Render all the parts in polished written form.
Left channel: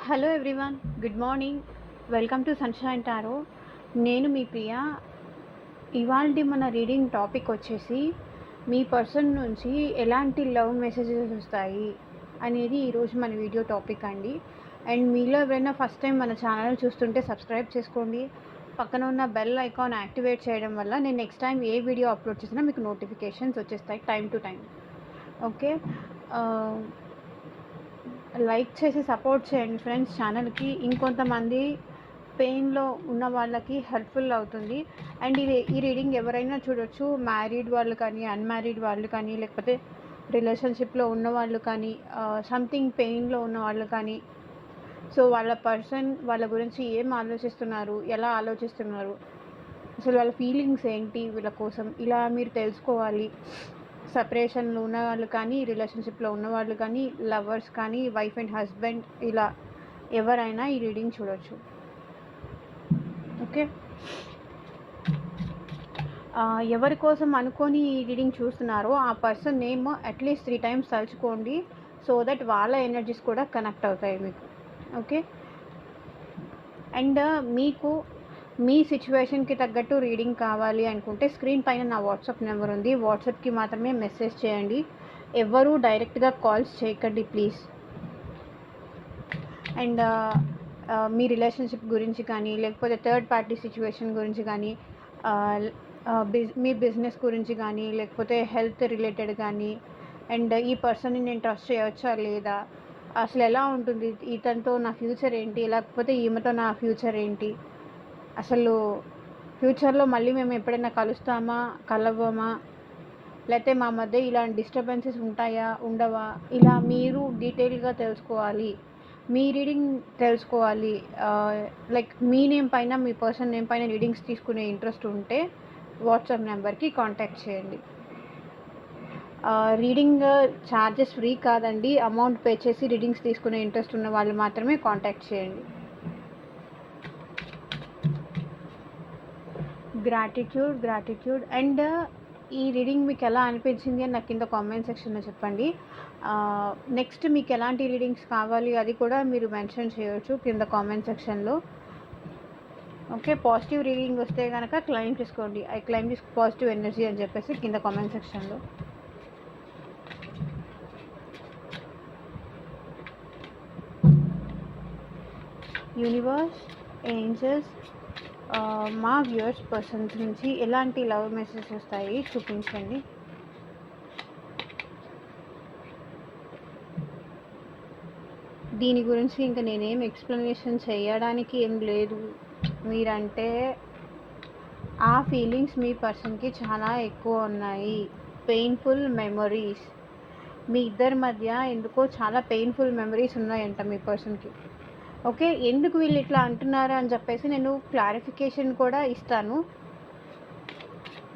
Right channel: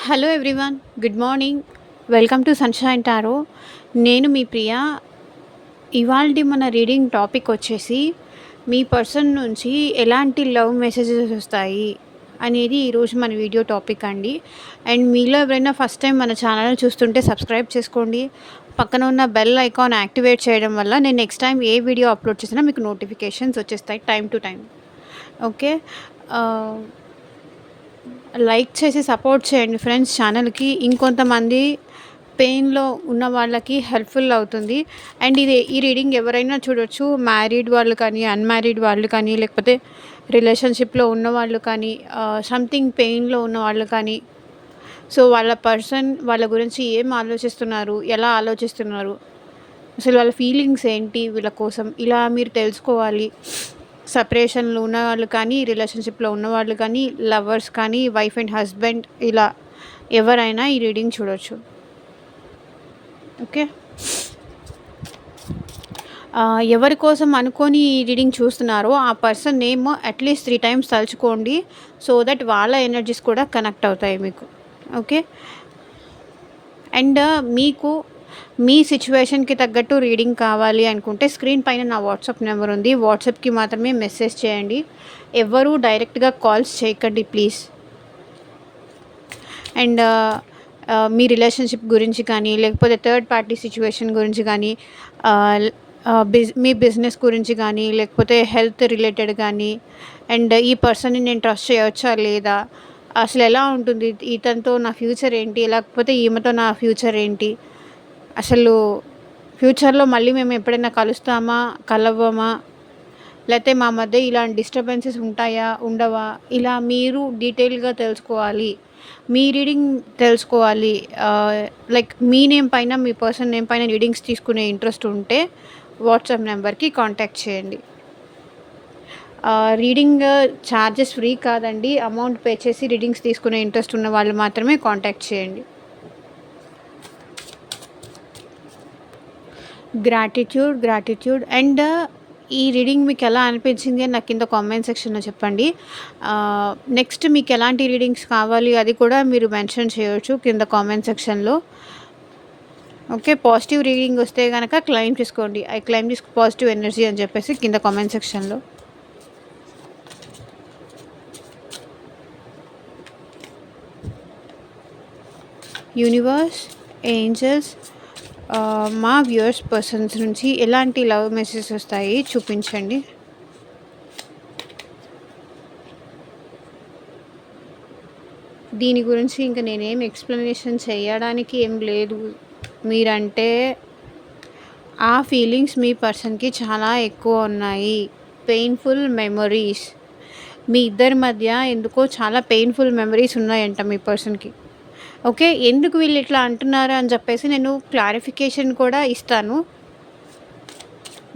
Hello everyone, good morning. Welcome to sunshine tarot. నేను మీ ప్రియ. ఇవాల్టి మన రీడింగ్ టాపిక్ వచ్చేసి మీ పర్సన్ నుంచి ఎలాంటి లవ్ మెసేజెస్ వస్తాయి అనేది ఈరోజు మన వీడియో టాపిక్ అండి. అండ్ మీలో ఎవరైనా ఫస్ట్ టైం మన ఛానల్ని చూస్తుంటే సబ్స్క్రైబ్ చేసుకోండి. పక్కన ఉన్న బెల్ ఐకాన్ యాక్టివేట్ చేయడం వల్ల నేను నెక్స్ట్ టైం ఏ వీడియో అప్లోడ్ చేసినా మీకు నోటిఫికేషన్స్ వచ్చేస్తాయి time to time. Okay. Like చేసి సపోర్ట్ చేయండి ఫ్రెండ్స్ ఛానల్కి. ఇంకొంతమంది పెయిన్లో ఉన్న వాళ్ళకి హెల్ప్ఫుల్ అవుతుంది. అండ్ ఈ రీడింగ్ ఎవరైనా చూడొచ్చు, మ్యారీడ్ వాళ్ళు కానీ, అన్మ్యారీడ్ వాళ్ళు కానీ, లేకపోతే రిలేషన్షిప్లో ఉన్న వాళ్ళు కానీ, సంథింగ్ పెయిన్లో ఉన్న వాళ్ళు కానీ. సో వాళ్ళ పర్సన్ వాళ్ళ గురించి ఏం ఆలోచిస్తున్నారు, ఎలా ఆలోచిస్తున్నారు, అసలు వాళ్ళ ఫీలింగ్స్ ఏంటి వీళ్ళ కోసం, ఇలా మీరు తెలుసుకోవాలి. సపరేషన్లో ఉన్నవాళ్ళు కానీ, రిలేషన్షిప్లో ఉన్నవాళ్ళు కానీ, లవర్స్ కానీ, వైఫ్ అండ్ హస్బెండ్, ఇలా ఎవరైనా ఈ రీడింగ్ చూడొచ్చు. ఓకే. ఎవరి కోసం అనుకొని ఈ రీడింగ్ చూస్తున్నారో ఆ పర్సన్ నేమ్ అట్లీస్ట్ 3 టైమ్స్ తలుచుకోండి. సో దట్ వాళ్ళ ఎనర్జీస్ కూడా కనెక్ట్ అవుతాయి మీకు. ఓకే. అండ్ మీకు మీ సిచ్యువేషన్కి తగ్గట్టు రీడింగ్ కావాలి అనుకుంటే స్క్రీన్ పైన నా వాట్సాప్ నెంబర్ ఉంది. వాట్సాప్కి మాత్రమే మెసేజ్ చేయండి. ఎవరు డైరెక్ట్గా కాల్స్ చేయకండి ప్లీజ్. అండ్ మీ రిలేషన్షిప్ గురించి కానీ, లేకపోతే థర్డ్ పార్టీ సిచ్యువేషన్ గురించి కానీ, మీ బిజినెస్ గురించి కానీ, లేకపోతే హెల్త్ రిలేటెడ్ కానీ, అండ్ ఈ పర్సన్ని నేను ట్రస్ట్ చేయవచ్చా లేదా, అసలు ఎలా ఉంటుంది ఇతనితో నా ఫ్యూచర్ ఏంటి, లేకపోతే ఈమెతో నా ఫ్యూచర్ ఏంటి, అసలు ఫ్యూచర్లో మళ్ళీ మేము ఎప్పుడైనా కలుస్తామా, కలవమా, లేకపోతే మా మధ్య ఇలాంటి డిస్టర్బెన్సెస్ ఉంటాయా, ఉండవా, ఇలా మీరు డీటెయిల్గా తెలుసుకోవాలి. మీ రీడింగ్ తెలుసుకోవాలి. లైక్ మీ నేమ్ పైన, మీ పర్సన్ నేమ్ పైన రీడింగ్స్ తీసుకునే ఇంట్రెస్ట్ ఉంటే వాట్సాప్ నెంబర్కి కాంటాక్ట్ చేయండి. రీడింగ్ ఛార్జెస్ ఫ్రీ కాదండి. అమౌంట్ పే చేసి రీడింగ్స్ తీసుకునే ఇంట్రెస్ట్ ఉన్న వాళ్ళు మాత్రమే కాంటాక్ట్ చేయండి. గ్రాటిట్యూడ్. అండ్ ఈ రీడింగ్ మీకు ఎలా అనిపించింది అని నాకు కింద కామెంట్ సెక్షన్లో చెప్పండి. నెక్స్ట్ మీకు ఎలాంటి రీడింగ్స్ కావాలి అది కూడా మీరు మెన్షన్ చేయవచ్చు కింద కామెంట్ సెక్షన్లో. ఓకే. పాజిటివ్ రీడింగ్ వస్తే కనుక క్లెయిమ్ చేసుకోండి. I claim this positive energy అని చెప్పేసి కింద కామెంట్ సెక్షన్లో. యూనివర్స్, ఏంజల్స్, మా వ్యూయర్స్ పర్సన్స్ నుంచి ఎలాంటి లవ్ మెసేజెస్ వస్తాయి చూపించండి. దీని గురించి ఇంకా నేనేం ఎక్స్ప్లెనేషన్ చేయడానికి ఏం లేదు. మీరంటే ఆ ఫీలింగ్స్ మీ పర్సన్కి చాలా ఎక్కువ ఉన్నాయి. పెయిన్ఫుల్ మెమొరీస్ మీ ఇద్దరి మధ్య ఎందుకో చాలా పెయిన్ఫుల్ మెమరీస్ ఉన్నాయంట మీ పర్సన్కి. ఓకే. ఎందుకు వీళ్ళు ఇట్లా అంటున్నారు అని చెప్పేసి నేను క్లారిఫికేషన్ కూడా ఇస్తాను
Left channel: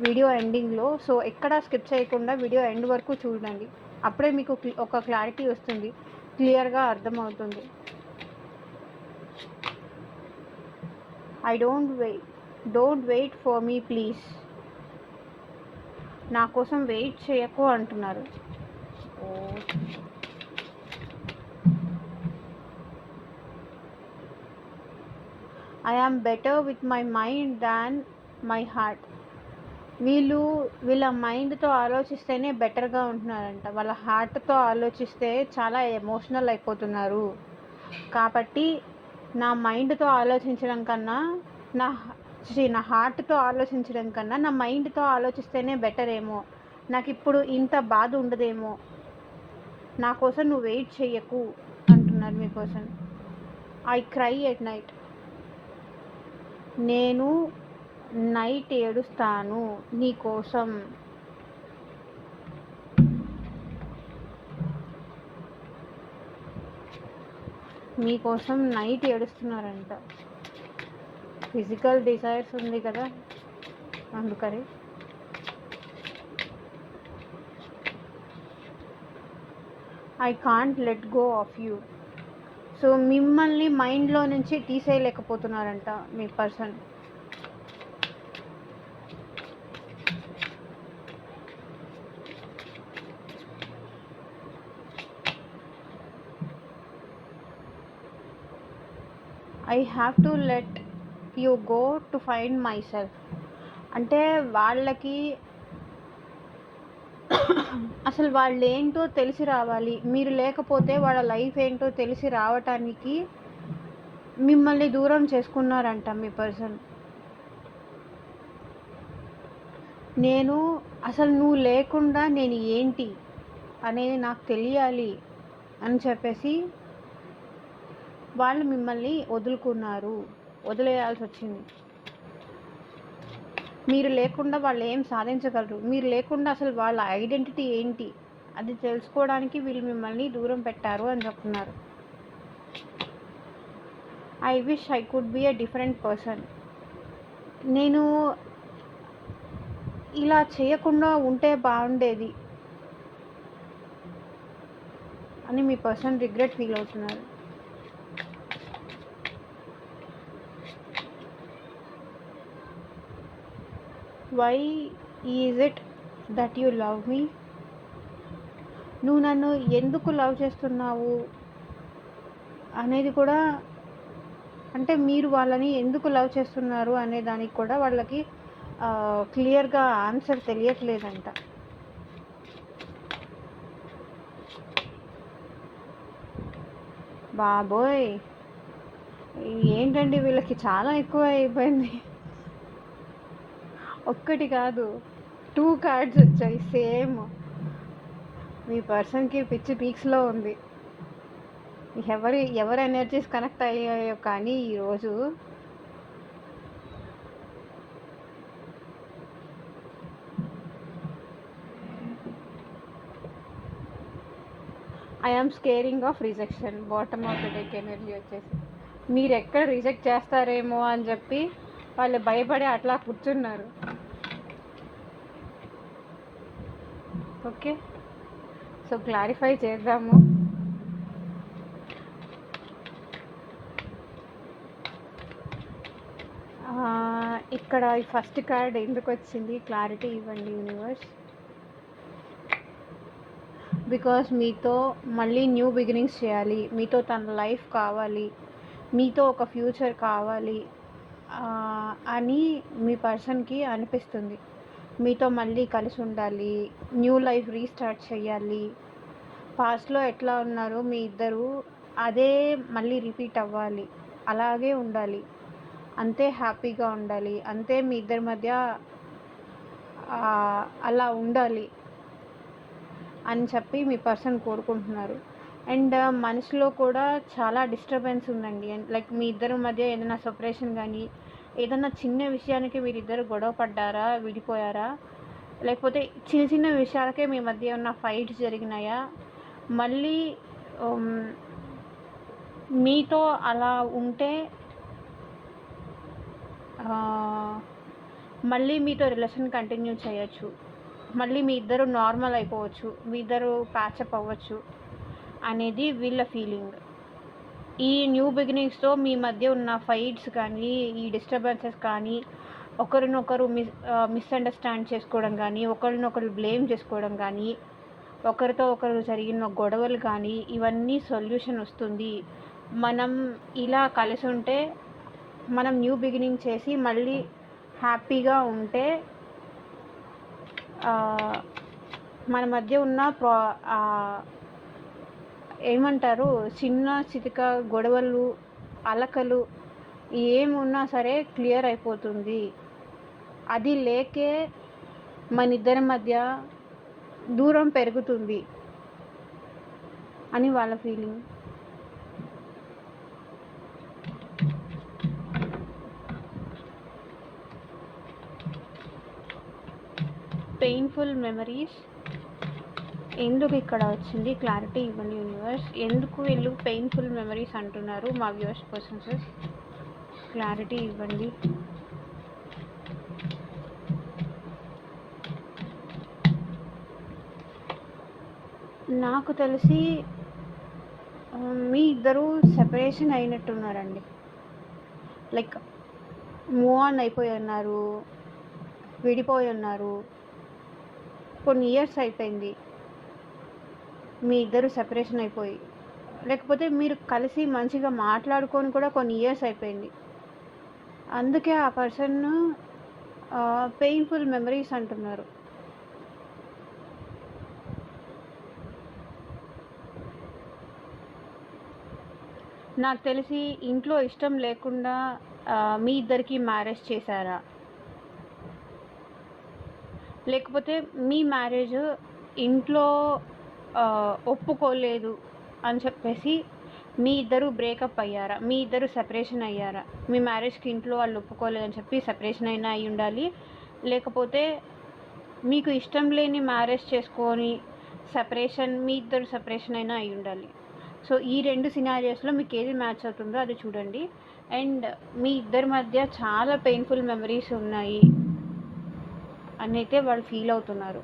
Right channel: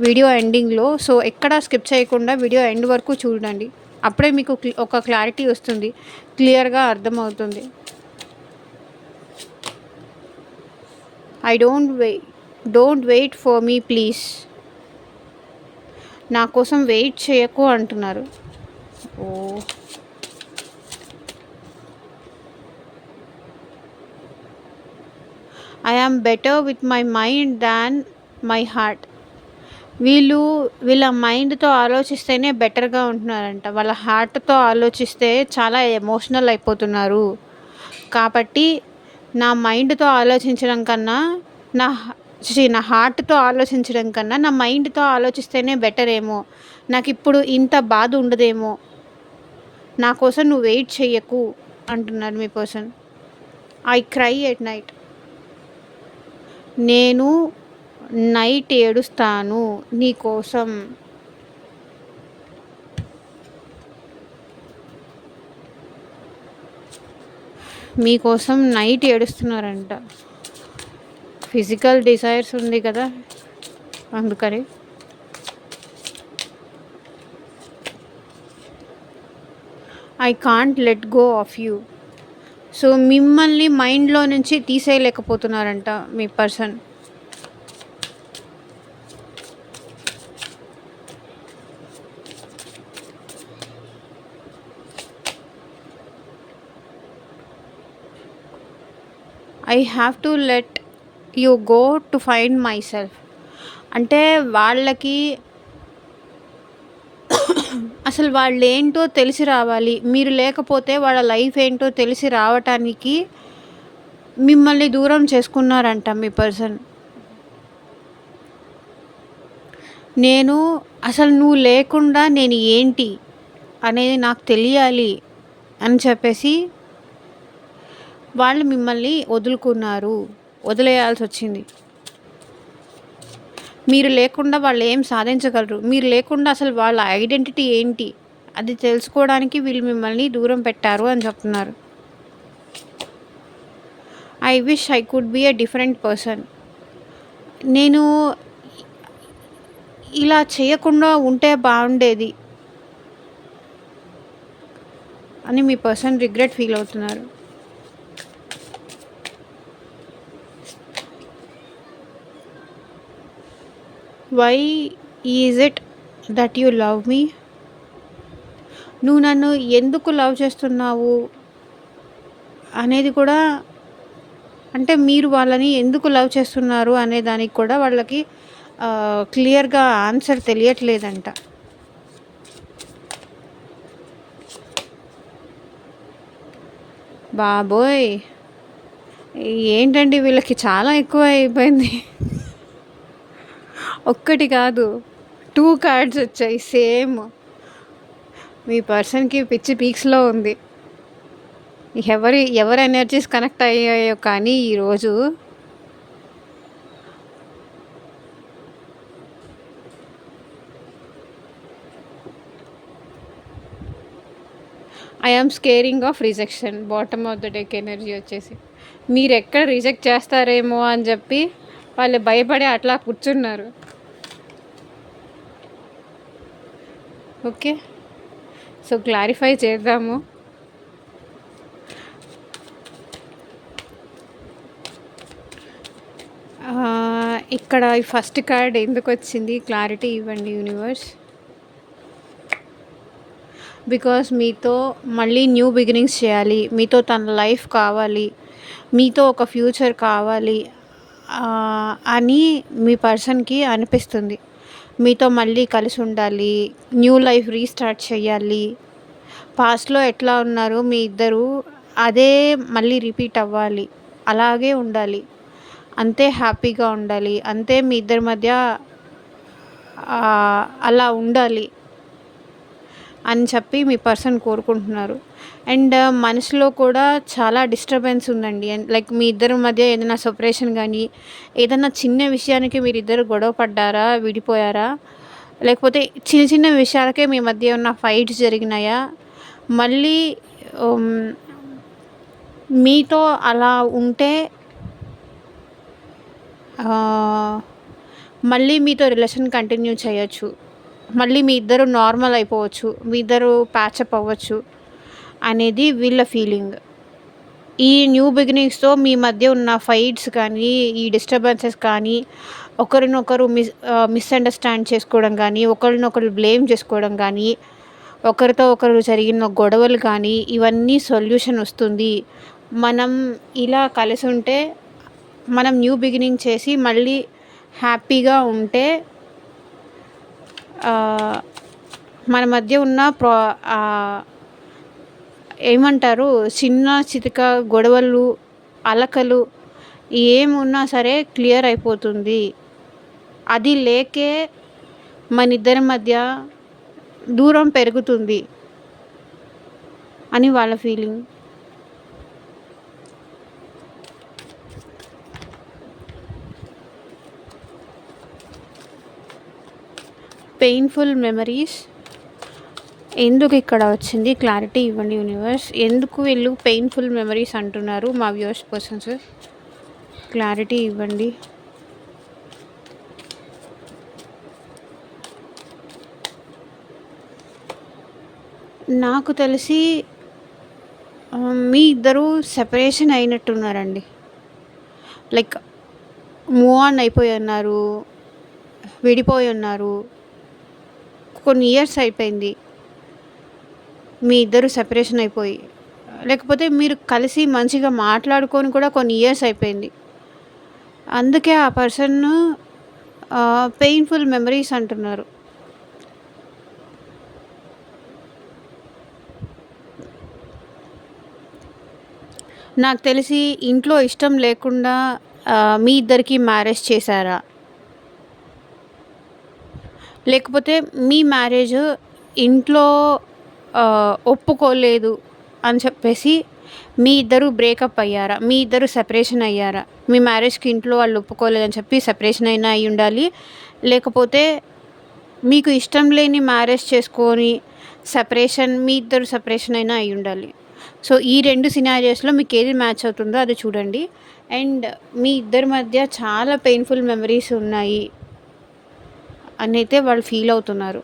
వీడియో ఎండింగ్లో. సో ఎక్కడ స్కిప్ చేయకుండా వీడియో ఎండ్ వరకు చూడండి. అప్పుడే మీకు ఒక క్లారిటీ వస్తుంది, క్లియర్గా అర్థమవుతుంది. Don't wait for me please. నా కోసం వెయిట్ చేయకు అంటున్నారు. Oh, I am better with my mind than my heart. వీళ్ళ మైండ్తో ఆలోచిస్తేనే బెటర్గా ఉంటున్నారంట. వాళ్ళ హార్ట్తో ఆలోచిస్తే చాలా ఎమోషనల్ అయిపోతున్నారు. కాబట్టి నా మైండ్తో ఆలోచించడం కన్నా, నా నా హార్ట్తో ఆలోచించడం కన్నా నా మైండ్తో ఆలోచిస్తేనే బెటర్ ఏమో, నాకు ఇప్పుడు ఇంత బాధ ఉండదేమో, నా కోసం నువ్వు వెయిట్ చెయ్యకు అంటున్నారు మీ person. I cry at night. నేను నైట్ ఏడుస్తాను నీ కోసం. మీకోసం నైట్ ఏడుస్తున్నారంట. ఫిజికల్ డిజైర్స్ ఉంది కదా అందుకని. I can't let go of you. So మిమ్మల్ని మైండ్లో నుంచి తీసేయలేకపోతున్నారంట మీ person. I have to let you go to find myself. అంటే వాళ్ళకి అసలు వాళ్ళేంటో తెలిసి రావాలి. మీరు లేకపోతే వాళ్ళ లైఫ్ ఏంటో తెలిసి రావటానికి మిమ్మల్ని దూరం చేసుకున్నారంట మీ పర్సన్. నేను అసలు నువ్వు లేకుండా నేను ఏంటి అనేది నాకు తెలియాలి అని చెప్పేసి వాళ్ళు మిమ్మల్ని వదులుకున్నారు, వదిలేయాల్సి వచ్చింది. మీరు లేకుండా వాళ్ళు ఏం సాధించగలరు, మీరు లేకుండా అసలు వాళ్ళ ఐడెంటిటీ ఏంటి అది తెలుసుకోవడానికి వీళ్ళు మిమ్మల్ని దూరం పెట్టారు అని చెప్తున్నారు. I wish I could be a different person. నేను ఇలా చేయకుండా ఉంటే బాగుండేది అని మీ పర్సన్ రిగ్రెట్ ఫీల్ అవుతున్నారు. Why is it that you love me? నువ్వు నన్ను ఎందుకు లవ్ చేస్తున్నావు అనేది కూడా, అంటే మీరు వాళ్ళని ఎందుకు లవ్ చేస్తున్నారు అనే దానికి కూడా వాళ్ళకి క్లియర్గా ఆన్సర్ తెలియట్లేదంట. బాబోయ్, ఏంటండి వీళ్ళకి చాలా ఎక్కువ అయిపోయింది. ఒక్కటి కాదు 2 కార్డ్స్ వచ్చాయి సేమ్. మీ పర్సన్కి పిచ్చి పీక్స్లో ఉంది. ఎవరి ఎనర్జీస్ కనెక్ట్ అయ్యాయో కానీ ఈరోజు I am scaring of rejection. Bottom of the deck energy వచ్చేసి మీరు ఎక్కడ రిజెక్ట్ చేస్తారేమో అని చెప్పి వాళ్ళు భయపడి అట్లా కూర్చున్నారు. ఓకే, సో క్లారిఫై చేద్దాము. ఇక్కడ ఈ ఫస్ట్ కార్డ్ ఎందుకు వచ్చింది క్లారిటీ ఇవ్వండి యూనివర్స్. బికాస్ మీతో మళ్ళీ న్యూ బిగినింగ్స్ చేయాలి, మీతో తన లైఫ్ కావాలి, మీతో ఒక ఫ్యూచర్ కావాలి అని మీ పర్సన్కి అనిపిస్తుంది. మీతో మళ్ళీ కలిసి ఉండాలి, న్యూ లైఫ్ రీస్టార్ట్ చేయాలి. పాస్ట్లో ఎట్లా ఉన్నారు మీ ఇద్దరు అదే మళ్ళీ రిపీట్ అవ్వాలి, అలాగే ఉండాలి, అంతే హ్యాపీగా ఉండాలి, అంతే మీ ఇద్దరి మధ్య అలా ఉండాలి అని చెప్పి మీ పర్సన్ కోరుకుంటున్నారు. అండ్ మనసులో కూడా చాలా డిస్టర్బెన్స్ ఉందండి. అండ్ లైక్ మీ ఇద్దరి మధ్య ఏదైనా సెపరేషన్ కానీ, ఏదైనా చిన్న విషయానికి మీరు ఇద్దరు గొడవ పడ్డారా, విడిపోయారా, లేకపోతే చిన్న చిన్న విషయాలకే మీ మధ్య ఉన్న ఫైట్స్ జరిగినాయా, మళ్ళీ మీతో అలా ఉంటే మళ్ళీ మీతో రిలేషన్ కంటిన్యూ చేయొచ్చు, మళ్ళీ మీ ఇద్దరు నార్మల్ అయిపోవచ్చు, మీ ఇద్దరు ప్యాచప్ అవ్వచ్చు అనేది వీళ్ళ ఫీలింగ్. ఈ న్యూ బిగినింగ్స్తో మీ మధ్య ఉన్న ఫైట్స్ కానీ, ఈ డిస్టర్బెన్సెస్ కానీ, ఒకరినొకరు మిస్అండర్స్టాండ్ చేసుకోవడం కానీ, ఒకరినొకరు బ్లేమ్ చేసుకోవడం కానీ, ఒకరితో ఒకరు జరిగిన గొడవలు కానీ, ఇవన్నీ సొల్యూషన్ వస్తుంది. మనం ఇలా కలిసి ఉంటే, మనం న్యూ బిగినింగ్ చేసి మళ్ళీ హ్యాపీగా ఉంటే మన మధ్య ఉన్న ఏమంటారు, చిన్న చితక గొడవలు, అలకలు ఏమున్నా సరే క్లియర్ అయిపోతుంది. అది లేకే మన ఇద్దరి మధ్య దూరం పెరుగుతుంది అని వాళ్ళ ఫీలింగ్. పెయిన్ఫుల్ మెమరీస్ ఎందుకు ఇక్కడ వచ్చింది క్లారిటీ ఇవ్వండి యూనివర్స్. ఎందుకు వీళ్ళు పెయిన్ఫుల్ మెమరీస్ అంటున్నారు మా వ్యూవర్స్ పర్సన్స్, క్లారిటీ ఇవ్వండి. నాకు తెలిసి మీ ఇద్దరు సెపరేషన్ అయినట్టున్నారండి. లైక్ మూవ్ ఆన్ అయిపోయి ఉన్నారు, విడిపోయి ఉన్నారు, కొన్ని ఇయర్స్ అయిపోయింది మీ ఇద్దరు సెపరేషన్ అయిపోయి. లేకపోతే మీరు కలిసి మంచిగా మాట్లాడుకొని కూడా కొన్ని ఇయర్స్ అయిపోయింది. అందుకే ఆ పర్సన్‌ను పెయిన్‌ఫుల్ మెమరీస్ అంటున్నారు. నాకు తెలిసి ఇంట్లో ఇష్టం లేకుండా మీ ఇద్దరికీ మ్యారేజ్ చేశారా? లేకపోతే మీ మ్యారేజ్ ఇంట్లో ఒప్పుకోలేదు అని చెప్పేసి మీ ఇద్దరు బ్రేకప్ అయ్యారా? మీ ఇద్దరు సెపరేషన్ అయ్యారా? మీ మ్యారేజ్‌కి ఇంట్లో వాళ్ళు ఒప్పుకోలేదని చెప్పి సెపరేషన్ అయినా అయ్యుండాలి. లేకపోతే మీకు ఇష్టం లేని మ్యారేజ్ చేసుకొని సెపరేషన్ మీ ఇద్దరు సెపరేషన్ అయినా అయ్యుండాలి. సో, ఈ 2 సినారియోస్‌లో మీకేది మ్యాచ్ అవుతుందో అది చూడండి. అండ్ మీ ఇద్దరి మధ్య చాలా పెయిన్‌ఫుల్ మెమరీస్ ఉన్నాయి అనైతే వాళ్ళు ఫీల్ అవుతున్నారు.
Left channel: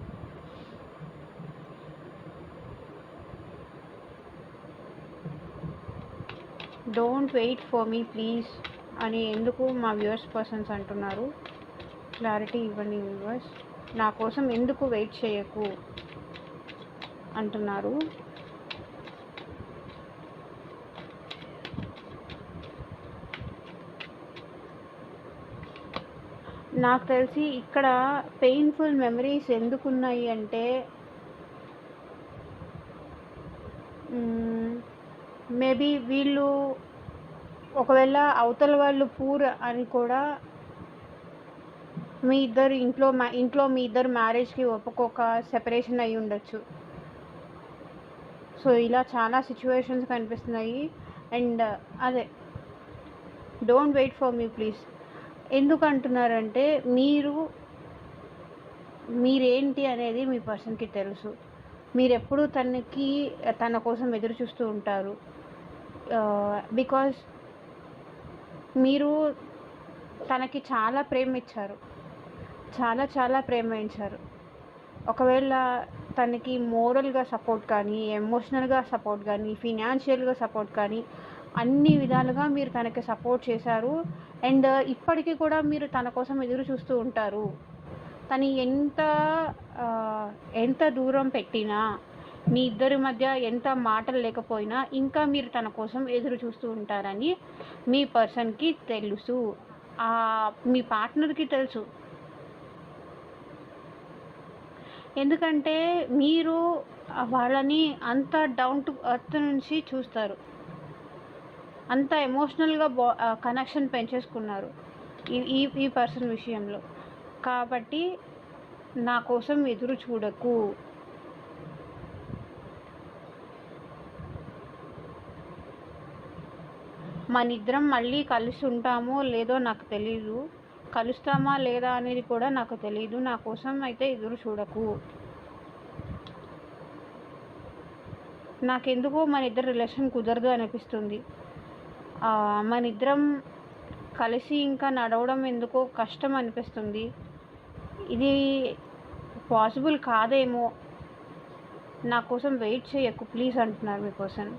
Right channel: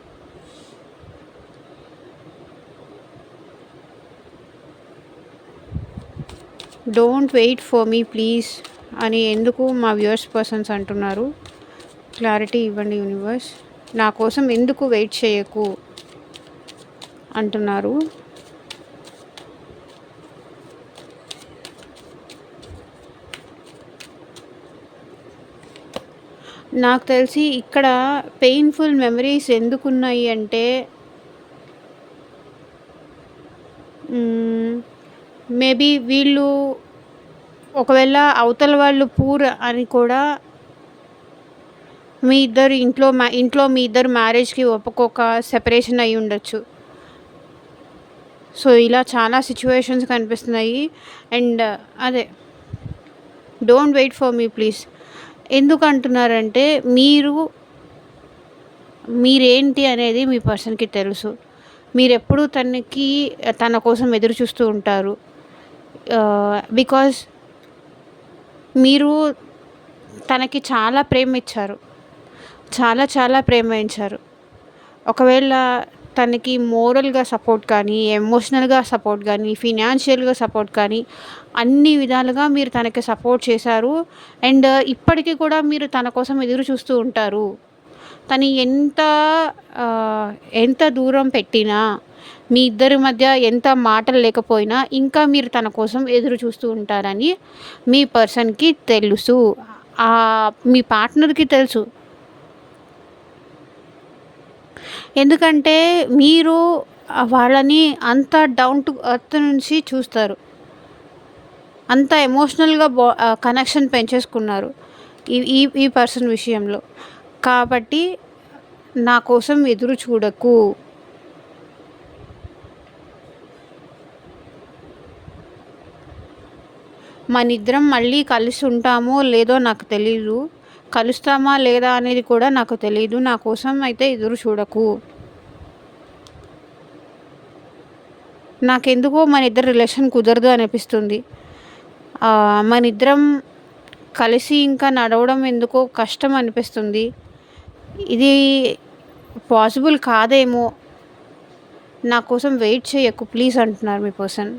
Don't wait for me please అని ఎందుకు మా వ్యూవర్స్ పర్సన్స్ అంటున్నారు. క్లారిటీ ఇవ్వండి యూనివర్స్. నా కోసం ఎందుకు వెయిట్ చేయకు అంటున్నారు. నాకు తెలిసి ఇక్కడ పెయిన్‌ఫుల్ మెమరీస్ ఎందుకున్నాయి అంటే మేబీ వీళ్ళు ఒకవేళ అవతల వాళ్ళు పూర్ అని కూడా మీ ఇద్దరు ఇంట్లో మీ ఇద్దరు మ్యారేజ్‌కి ఒప్పుకోక సెపరేషన్ అయ్యి ఉండొచ్చు. సో, ఇలా చాలా సిట్యుయేషన్స్ కనిపిస్తున్నాయి. అండ్ అదే don't wait for me please. ఎందుకు అంటున్నారంటే మీరేంటి అనేది మీ పర్సన్‌కి తెలుసు. మీరెప్పుడూ తన కోసం ఎదురు చూస్తూ ఉంటారు. బికాజ్ మీరు తనకి చాలా ప్రేమ ఇచ్చారు. చాలా చాలా ప్రేమ ఇచ్చారు. ఒకవేళ తనకి మోరల్‌గా సపోర్ట్ కానీ, ఎమోషనల్‌గా సపోర్ట్ కానీ, ఫినాన్షియల్‌గా సపోర్ట్ కానీ అన్ని విధాలుగా మీరు తనకి సపోర్ట్ చేశారు. అండ్ ఇప్పటికి కూడా మీరు తన కోసం ఎదురు చూస్తూ ఉంటారు. తను ఎంత దూరం పెట్టినా, మీ ఇద్దరి మధ్య ఎంత మాటలు లేకపోయినా ఇంకా మీరు తన కోసం ఎదురు చూస్తూ ఉంటారని మీ పర్సన్‌కి తెలుసు. మీ పార్ట్నర్‌కి తెలుసు. ఎందుకంటే మీరు వాళ్ళని అంత డౌన్ టు ఎర్త్ నుంచి చూస్తారు. అంత ఎమోషనల్‌గా కనెక్షన్ పెంచేసుకున్నారు ఈ ఈ ఈ పర్సన్ విషయంలో. కాబట్టి నా కోసం ఎదురు చూడకు. మనిద్దరం మళ్ళీ కలిసి ఉంటామో లేదో నాకు తెలీదు. కలుస్తామా లేదా అనేది కూడా నాకు తెలీదు. నా కోసం అయితే ఎదురు చూడకు. నాకెందుకో మనిద్దరి రిలేషన్ కుదరదు అనిపిస్తుంది. మనిద్దరం కలిసి ఇంకా నడవడం ఎందుకో కష్టం అనిపిస్తుంది. ఇది పాసిబుల్ కాదేమో. నా కోసం వెయిట్ చేయకు ప్లీజ్ అంటున్నారు మీ person.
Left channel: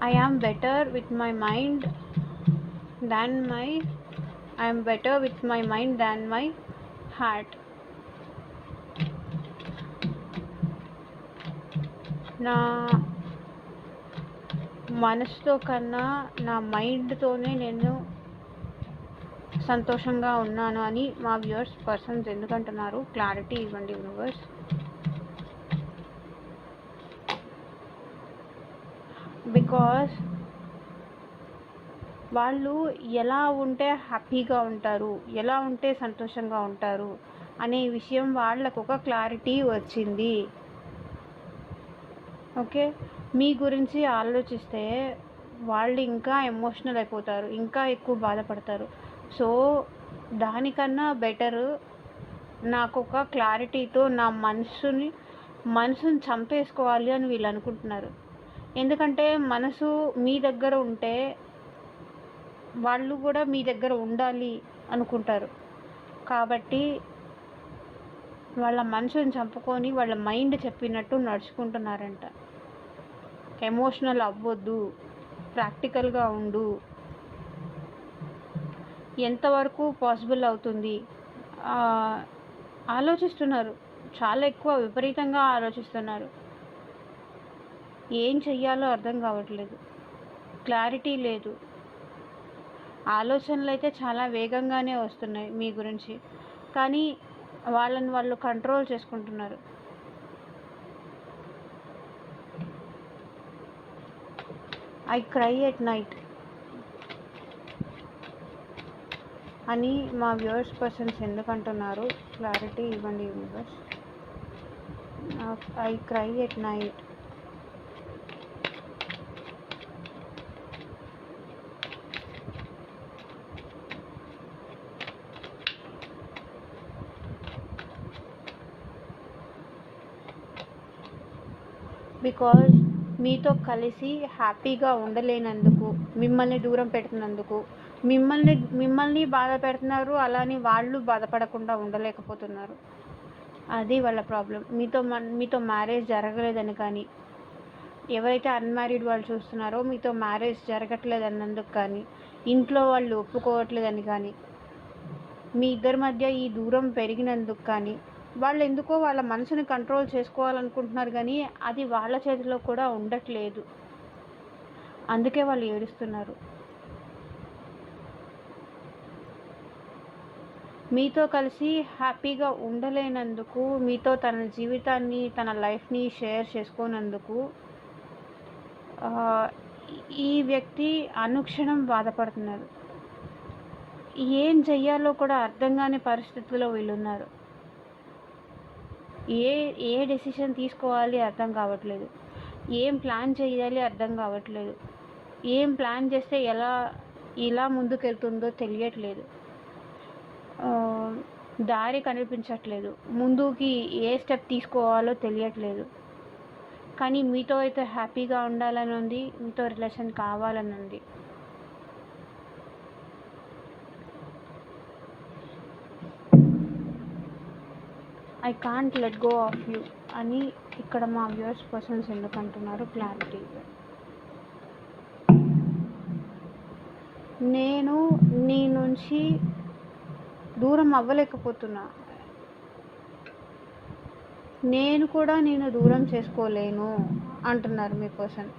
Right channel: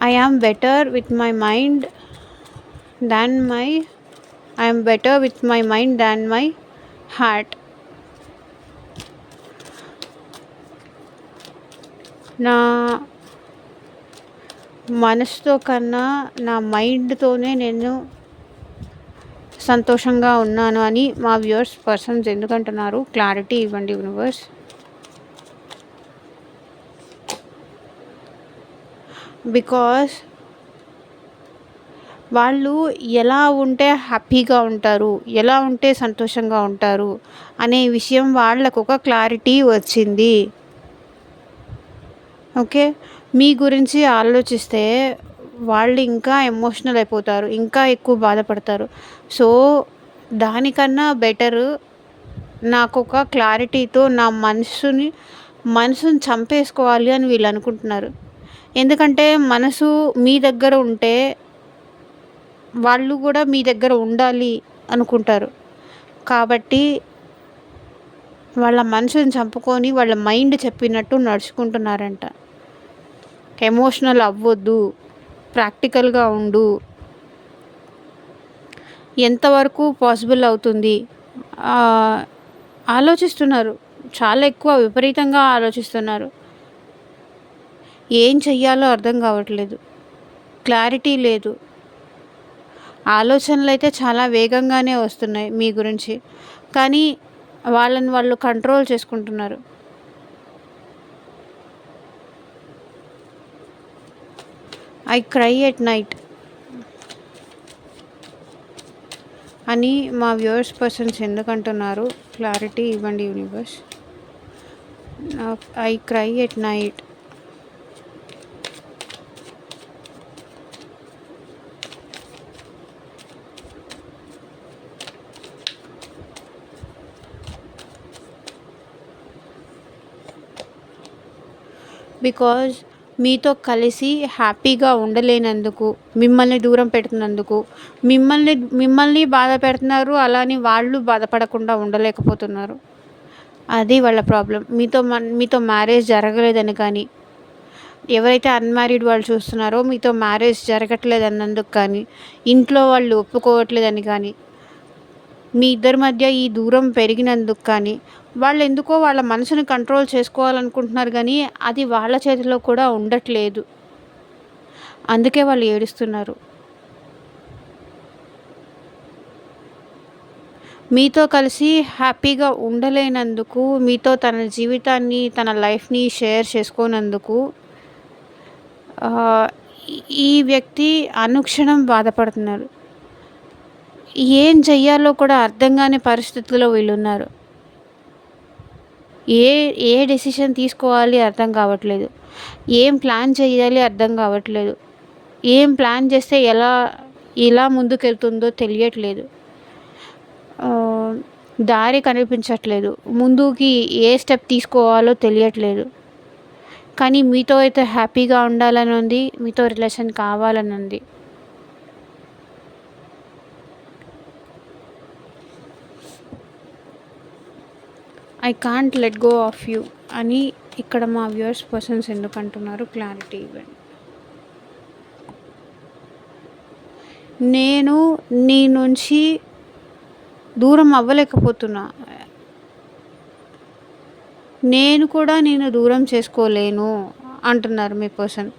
I am better with my mind than my I am better with my mind than my heart. నా మనసుతో కన్నా నా మైండ్‌తోనే నేను సంతోషంగా ఉన్నాను అని మా వ్యూవర్స్ పర్సన్స్ ఎందుకంటున్నారు. క్లారిటీ ఇవ్వండి యూనివర్స్. బికాస్ వాళ్ళు ఎలా ఉంటే హ్యాపీగా ఉంటారు, ఎలా ఉంటే సంతోషంగా ఉంటారు అనే విషయం వాళ్ళకు ఒక క్లారిటీ వచ్చింది. ఓకే. మీ గురించి ఆలోచిస్తే వాళ్ళు ఇంకా ఎమోషనల్ అయిపోతారు. ఇంకా ఎక్కువ బాధపడతారు. సో, దానికన్నా బెటరు నాకొక క్లారిటీతో నా మనసుని చంపేసుకోవాలి అని వీళ్ళు అనుకుంటున్నారు. ఎందుకంటే మనసు మీ దగ్గర ఉంటే వాళ్ళు కూడా మీ దగ్గర ఉండాలి అనుకుంటారు. కాబట్టి వాళ్ళ మనసుని చంపుకొని వాళ్ళ మైండ్ చెప్పినట్టు నడుచుకుంటున్నారంట. ఎమోషనల్ అవ్వొద్దు, ప్రాక్టికల్‌గా ఉండు. ఎంతవరకు పాసిబుల్ అవుతుంది ఆలోచిస్తున్నారు. చాలా ఎక్కువ విపరీతంగా ఆలోచిస్తున్నారు. ఏం చెయ్యాలో అర్థం కావట్లేదు. క్లారిటీ లేదు. ఆలోచనలైతే చాలా వేగంగానే వస్తున్నాయి మీ గురించి. కానీ వాళ్ళని వాళ్ళు కంట్రోల్ చేసుకుంటున్నారు. ఐ క్రై ఎట్ నైట్ అని మా వ్యూవర్స్ పర్సన్స్ ఎందుకంటున్నారు? క్లారిటీ ఇవ్వండి universe. I cry at night. Because మీతో కలిసి హ్యాపీగా ఉండలేనందుకు, మిమ్మల్ని దూరం పెడుతున్నందుకు, మిమ్మల్ని బాధ పెడుతున్నారు. అలానే వాళ్ళు బాధపడకుండా ఉండలేకపోతున్నారు. అది వాళ్ళ ప్రాబ్లం. మీతో మ్యారేజ్ జరగలేదని కానీ, ఎవరైతే అన్మ్యారీడ్ వాళ్ళు చూస్తున్నారో మీతో మ్యారేజ్ జరగట్లేదన్నందుకు కానీ, ఇంట్లో వాళ్ళు ఒప్పుకోవట్లేదని కానీ, మీ ఇద్దరి మధ్య ఈ దూరం పెరిగినందుకు కానీ, వాళ్ళెందుకో వాళ్ళ మనసుని కంట్రోల్ చేసుకోవాలనుకుంటున్నారు కానీ, అది వాళ్ళ చేతిలో కూడా ఉండట్లేదు. అందుకే వాళ్ళు ఏడుస్తున్నారు. మీతో కలిసి హ్యాపీగా ఉండలేనందుకు, మీతో తన జీవితాన్ని, తన లైఫ్‌ని షేర్ చేసుకోనందుకు ఈ వ్యక్తి అనుక్షణం బాధపడుతున్నారు. ఏం చెయ్యాలో కూడా అర్థం కాని పరిస్థితుల్లో వీళ్ళున్నారు. ఏ ఏ డెసిషన్ తీసుకోవాలి అర్థం కావట్లేదు. ఏం ప్లాన్ చేయాలి అర్థం కావట్లేదు. ఏం ప్లాన్ చేస్తే ఎలా ముందుకెళ్తుందో తెలియట్లేదు. దారి కనిపించట్లేదు. ముందుకి ఏ స్టెప్ తీసుకోవాలో తెలియట్లేదు. కానీ మీతో అయితే హ్యాపీగా ఉండాలని ఉంది. మీతో రిలేషన్ కావాలని ఉంది. I can't let go of you అని ఇక్కడ మా వ్యూవర్స్ పర్సన్స్ ఎందుకు అంటున్నారు? క్లారిటీ ఇవ్వండి. నేను నీ నుంచి దూరం అవ్వలేకపోతున్నా. నేను కూడా నేను దూరం చేసుకోలేను అంటున్నారు మీ పర్సన్.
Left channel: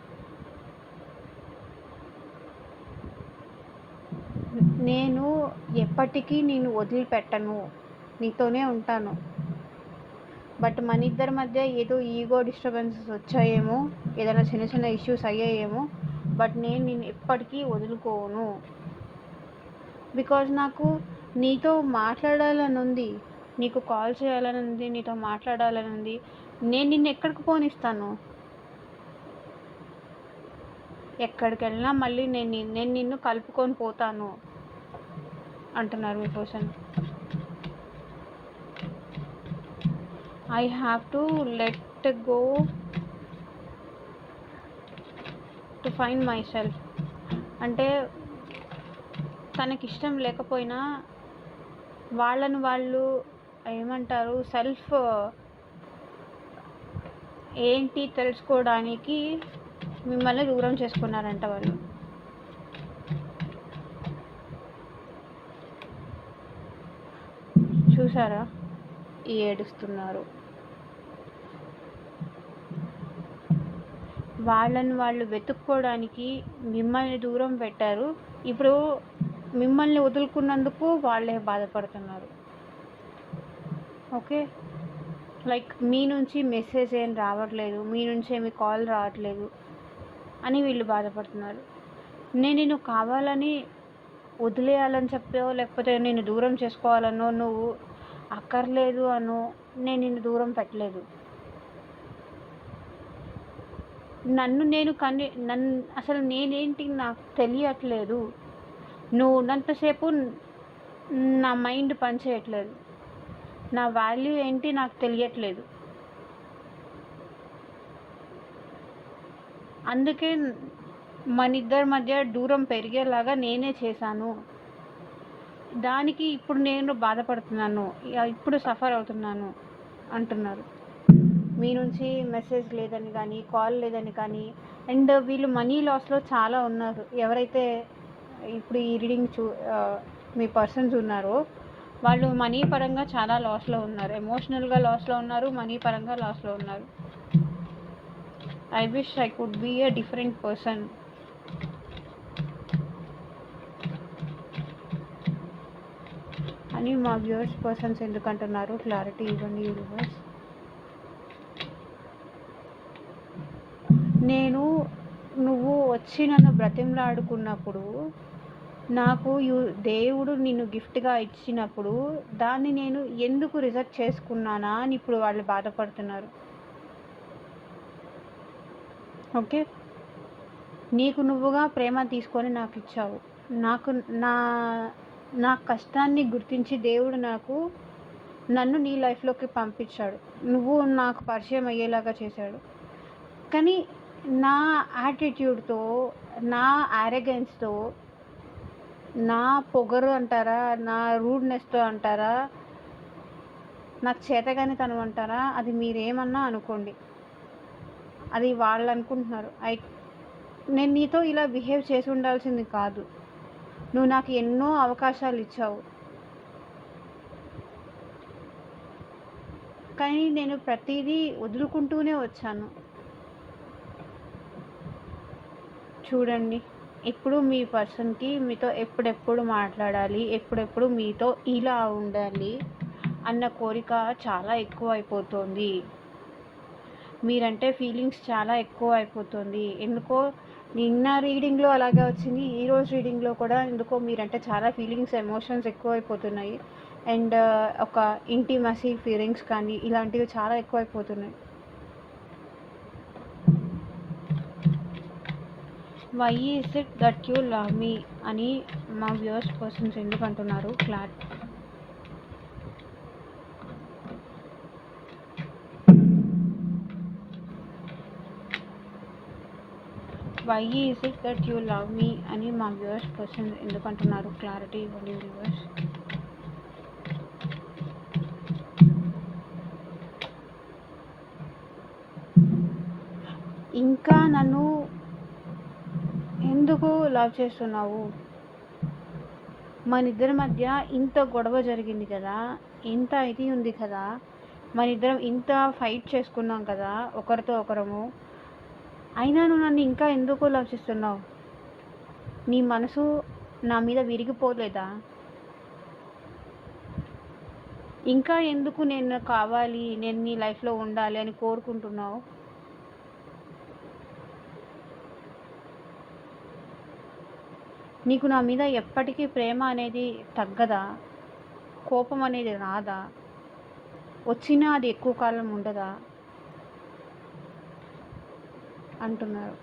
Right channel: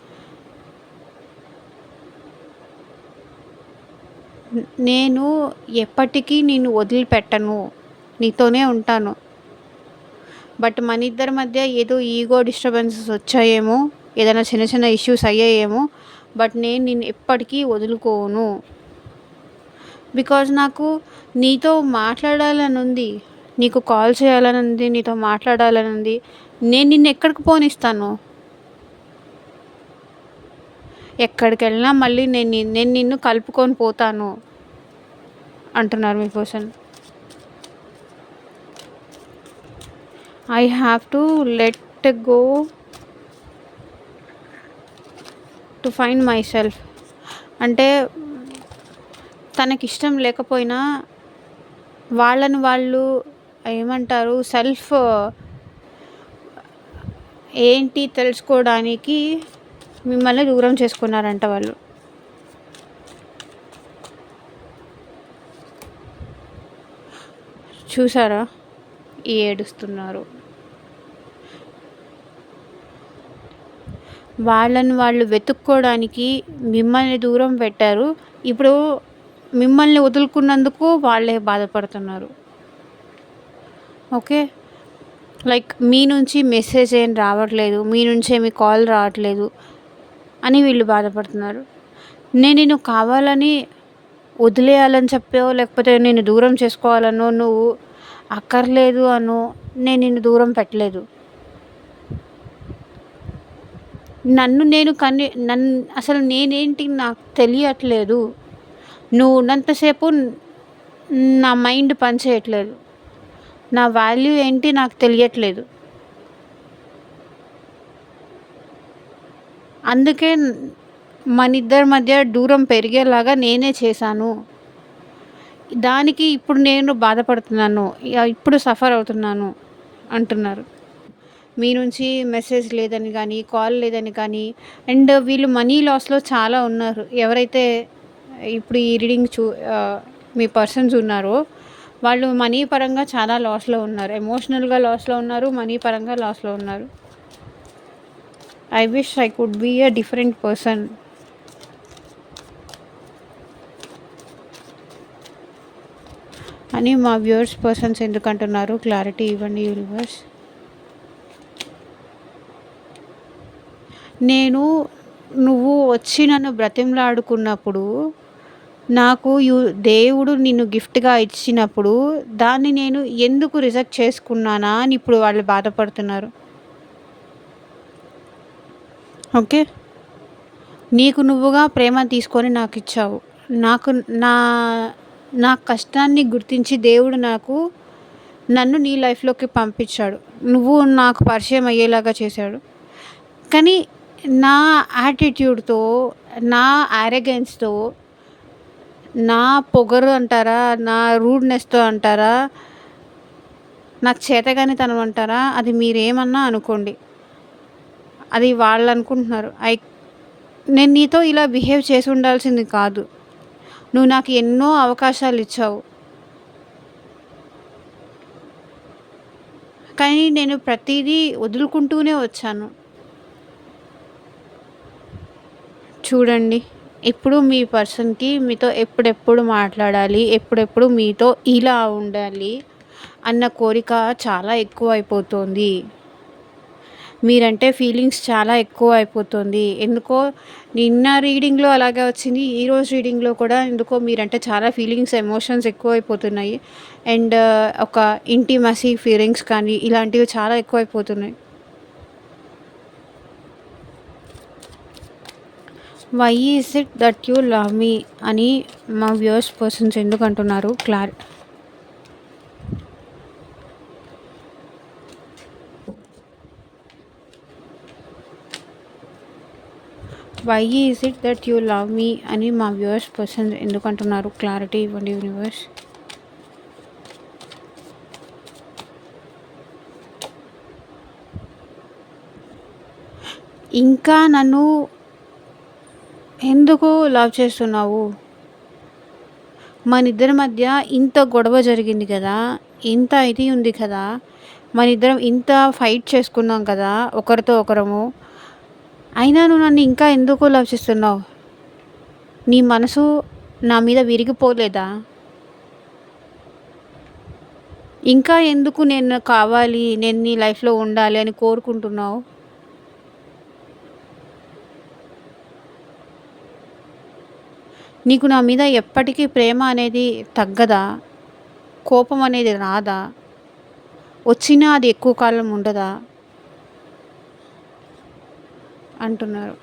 నేను ఎప్పటికీ నిన్ను వదిలిపెట్టను, నీతోనే ఉంటాను. బట్ మన ఇద్దరి మధ్య ఏదో ఈగో డిస్టర్బెన్సెస్ వచ్చాయేమో, ఏదైనా చిన్న చిన్న ఇష్యూస్ అయ్యాయేమో, బట్ నేను నిన్ను ఎప్పటికీ వదులుకోను. బికాజ్ నాకు నీతో మాట్లాడాలని ఉంది, నీకు కాల్ చేయాలని ఉంది, నీతో మాట్లాడాలని ఉంది. నేను నిన్ను ఎక్కడికి పోనిస్తాను? ఎక్కడికి వెళ్ళినా మళ్ళీ నేను నిన్ను కలుపుకొని పోతాను అంటున్నారు మీ person. I have to let go to find myself. అంటే తనకిష్టం లేకపోయినా వాళ్ళని వాళ్ళు ఏమంటారు, సెల్ఫ్ ఏంటి తెలుసుకోవడానికి మిమ్మల్ని దూరం చేసుకున్నారంట వాళ్ళు. చూసారా ఏడుస్తున్నారు? వాళ్ళని వాళ్ళు వెతుక్కోవడానికి మిమ్మల్ని దూరం పెట్టారు. ఇప్పుడు మిమ్మల్ని వదులుకున్నందుకు వాళ్ళే బాధపడుతున్నారు. ఓకే, లైక్ మీ నుంచి మెసేజ్ ఏం రావట్లేదు, మీ నుంచి ఏమి కాల్ రావట్లేదు అని వీళ్ళు బాధపడుతున్నారు. నేను నిన్ను కావాలని వదిలేయాలని చెప్పో, లేకపోతే నేను దూరం చేసుకోవాలనో, నువ్వు అక్కర్లేదు అనో నేను నిన్ను దూరం పెట్టలేదు. నన్ను అసలు నేనేంటి నాకు తెలియట్లేదు. నువ్వు ఉన్నంతసేపు నా మైండ్ పనిచేయట్లేదు. నా వాల్యూ ఏంటి నాకు తెలియట్లేదు. అందుకే మన ఇద్దరి మధ్య దూరం పెరిగేలాగా నేనే చేశాను. దానికి ఇప్పుడు నేను బాధపడుతున్నాను, ఇప్పుడు సఫర్ అవుతున్నాను అంటున్నారు. మీ నుంచి మెసేజ్ లేదని కానీ, కాల్ లేదని కానీ, అండ్ వీళ్ళు మనీ లాస్లో చాలా ఉన్నారు. ఎవరైతే ఇప్పుడు ఈ రీడింగ్ మీ పర్సన్స్ ఉన్నారో వాళ్ళు మనీ పరంగా చాలా లాస్‌లో ఉన్నారు. ఎమోషనల్‌గా లాస్‌లో ఉన్నారు. మనీ పరంగా లాస్‌లో ఉన్నారు. I wish I could be a different person అని మా వ్యూవర్స్ పర్సన్స్ ఎందుకంటున్నారు? క్లారిటీ ఇవ్వండి యూనివర్స్. నేను నువ్వు వచ్చి నన్ను బ్రతిమలాడుకున్నప్పుడు, నాకు దేవుడు నిన్ను గిఫ్ట్‌గా ఇచ్చినప్పుడు, దాన్ని నేను ఎందుకు రిజెక్ట్ చేసుకున్నానా అని ఇప్పుడు వాళ్ళు బాధపడుతున్నారు. ఓకే. నీకు నువ్వుగా ప్రేమ తీసుకొని నాకిచ్చావు. నాకు నా నా కష్టాన్ని గుర్తించి దేవుడు నన్ను నీ లైఫ్‌లోకి పంపించాడు. నువ్వు నాకు పరిచయం అయ్యేలాగా చేశాడు. కానీ నా యాటిట్యూడ్‌తో, నా యారగెన్స్‌తో, నా పొగరు అంటారా? నా రూడ్‌నెస్‌తో అంటారా? నాకు చేతగానితనం అంటారా? అది మీరేమన్నా అనుకోండి. అది వాళ్ళనుకుంటున్నారు. నేను నీతో ఇలా బిహేవ్ చేసి ఉండాల్సింది కాదు. నువ్వు నాకు ఎన్నో అవకాశాలిచ్చావు. కానీ నేను ప్రతీదీ వదులుకుంటూనే వచ్చాను. చూడండి, ఇప్పుడు మీ పర్సన్‌కి మీతో ఎప్పుడెప్పుడు మాట్లాడాలి, ఎప్పుడెప్పుడు మీతో ఇలా ఉండాలి అన్న కోరిక చాలా ఎక్కువైపోతోంది. మీరంటే ఫీలింగ్స్ చాలా ఎక్కువ అయిపోతుంది. ఎందుకో నిన్న రీడింగ్‌లో అలాగే వచ్చింది. ఈరోజు రీడింగ్‌లో కూడా ఎందుకో మీరంటే చాలా ఫీలింగ్స్, ఎమోషన్స్ ఎక్కువైపోతున్నాయి. అండ్ ఒక ఇంటిమసీ ఫీలింగ్స్ కానీ ఇలాంటివి చాలా ఎక్కువైపోతున్నాయి. Why is it that you love me అని మా వ్యూవర్స్ పర్సన్స్ ఎందుకంటున్నారు? Why is it that you love me అని మా వ్యూవర్స్ పర్సన్స్ ఎందుకంటున్నారు? క్లారిటీ ఇవ్వండి యూనివర్స్. ఇంకా నన్ను ఎందుకు లవ్ చేస్తున్నావు? మనిద్దరి మధ్య ఇంత గొడవ జరిగింది కదా! ఇంత ఇది ఉంది కదా! మనిద్దరం ఇంత ఫైట్ చేసుకున్నాం కదా! ఒకరితో ఒకరము. అయినా నువ్వు నన్ను ఇంకా ఎందుకు లవ్ చేస్తున్నావు? నీ మనసు నా మీద విరిగిపోలేదా? ఇంకా ఎందుకు నేను కావాలి, నేను నీ లైఫ్‌లో ఉండాలి అని కోరుకుంటున్నావు? నీకు నా మీద ఎప్పటికీ ప్రేమ అనేది తగ్గదా? కోపం అనేది రాదా? వచ్చినా అది ఎక్కువ కాలం ఉండదా? అంటున్నారు.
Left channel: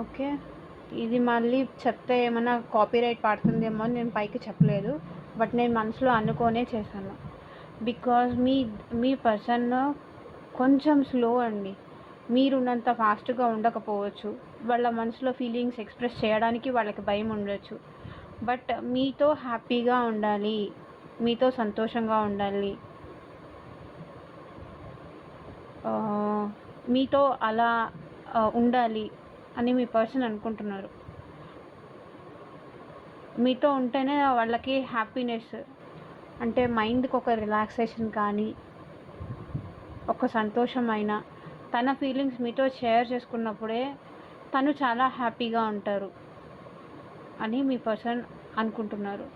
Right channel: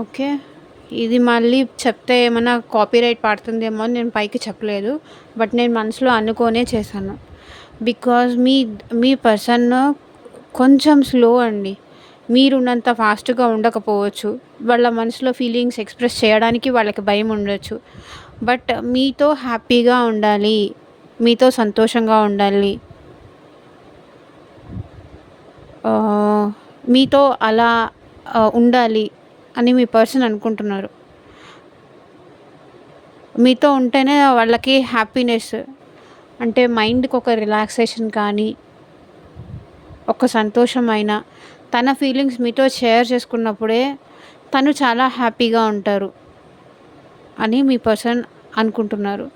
ఓకే. ఇది మళ్ళీ చెప్తే ఏమన్నా కాపీరైట్ పడుతుందేమో అని నేను పైకి చెప్పలేదు. బట్ నేను మనసులో అనుకోనే చేశాను. బికాజ్ మీ పర్సన్ కొంచెం స్లో అండి. మీరున్నంత ఫాస్ట్‌గా ఉండకపోవచ్చు. వాళ్ళ మనసులో ఫీలింగ్స్ ఎక్స్‌ప్రెస్ చేయడానికి వాళ్ళకి భయం ఉండొచ్చు. బట్ మీతో హ్యాపీగా ఉండాలి. మీతో సంతోషంగా ఉండాలి. మీతో అలా ఉండాలి అని మీ పర్సన్ అనుకుంటున్నారు. మీతో ఉంటేనే వాళ్ళకి హ్యాపీనెస్. అంటే మైండ్‌కి ఒక రిలాక్సేషన్ కానీ, ఒక సంతోషమైన తన ఫీలింగ్స్ మీతో షేర్ చేసుకున్నప్పుడే తను చాలా హ్యాపీగా ఉంటారు అని మీ పర్సన్ అనుకుంటున్నారు.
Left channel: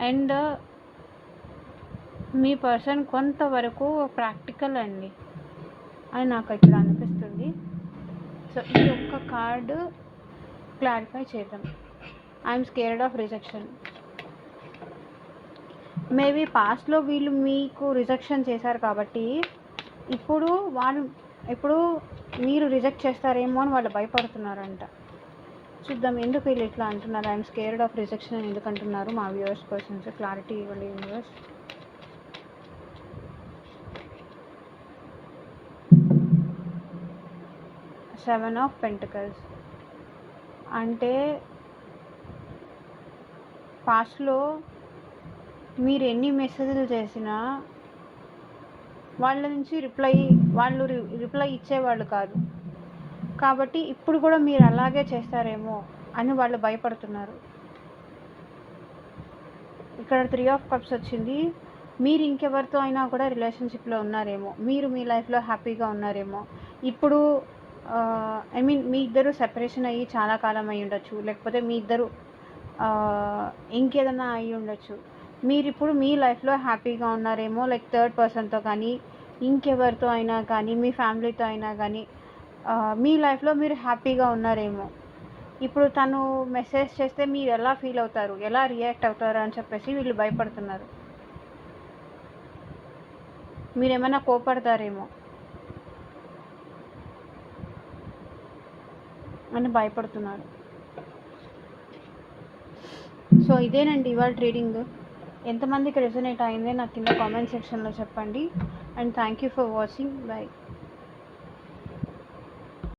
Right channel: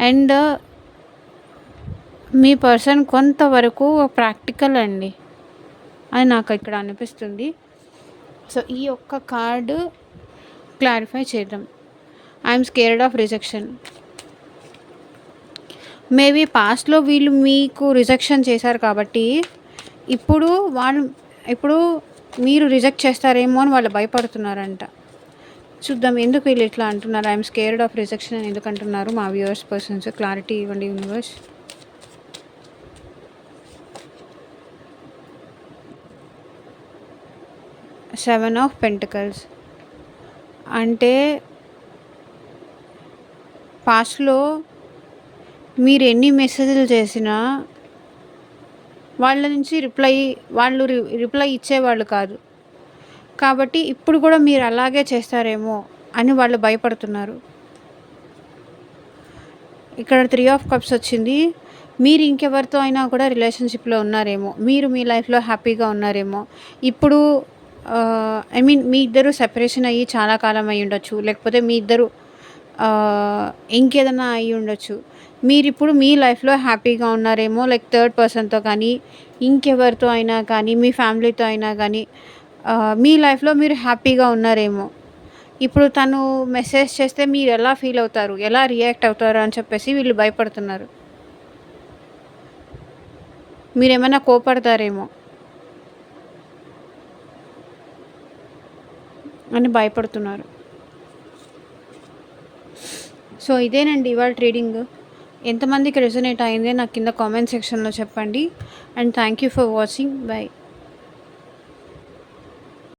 అండ్ మీ పర్సన్ కొంతవరకు ప్రాక్టికల్ అండి అని నాకు ఇక్కడ అనిపిస్తుంది. సో ఈ ఒక్క కార్డు క్లారిఫై చేద్దాం. I'm scared of rejection. Maybe పాస్ట్‌లో వీళ్ళు మీకు రిజెక్షన్ చేశారు కాబట్టి ఇప్పుడు మీరు రిజెక్ట్ చేస్తారేమో అని వాళ్ళు భయపడుతున్నారంట. చూద్దాం ఎందుకు వీళ్ళు ఇట్లా అంటున్నారు? ఐఎమ్ స్కేర్డ్ ఆఫ్ రిజెక్షన్ అని ఎందుకు అంటున్నారు? మా వ్యూవర్స్ పర్సన్స్ క్లారిటీ ఇవ్వండి యూనివర్స్. సెవెన్ ఆఫ్ పెంటికల్స్ అంటే పాస్ట్‌లో మీరు ఎన్ని మెసేజ్‌లు చేసినా వాళ్ళ నుంచి వాళ్ళు రిప్లై ఇచ్చేవాళ్ళు కాదు. కాబట్టి ఇప్పుడు కూడా మీరు అలాగే చేస్తారేమో అని వాళ్ళు భయపడుతున్నారు. ఇక్కడ 3 ఆఫ్ కప్స్ వచ్చింది. మీరు ఇంకెవరితో అయినా కూడా రిలేషన్‌షిప్‌లో ఉన్నారేమో. మీరు మీ లైఫ్‌లో హ్యాపీగా ఉన్నారేమో. ఇప్పుడు ఐ మీన్ మీ ఇద్దరు సెపరేషన్ అయ్యి చాలా కాలం అయ్యుండొచ్చు. లేకపోతే మీ ఇద్దరు ఇంకేదన్నా అయ్యుండొచ్చు. మీరిప్పుడు మీ లైఫ్‌లో హ్యాపీగా ఉన్నారేమో. లైక్ థర్డ్ పర్సన్‌తో కానీ, ఇంకెవరితో అయినా కానీ, మీ ఫ్యామిలీతో అయినా గానీ మీ లైఫ్‌లో మీరు హ్యాపీగా ఉన్నారేమో. ఇప్పుడు తను మెసేజ్ చేస్తే మీరెలా ఫీల్ అవుతారు? ఎలా రియాక్ట్ అవుతారు అని చెప్పేసి వీళ్ళు భయపడుతున్నారు. మీరేమైనా కోపడతారేమో అని భయపడుతున్నారు. సో, ఇదేనండి ఇవాళ ట్రీడింగ్. ఎంతమందికి రెజొనేట్ అయింది నాకు కింద కామెంట్ సెక్షన్‌లో చెప్పండి. And thank you for watching. By.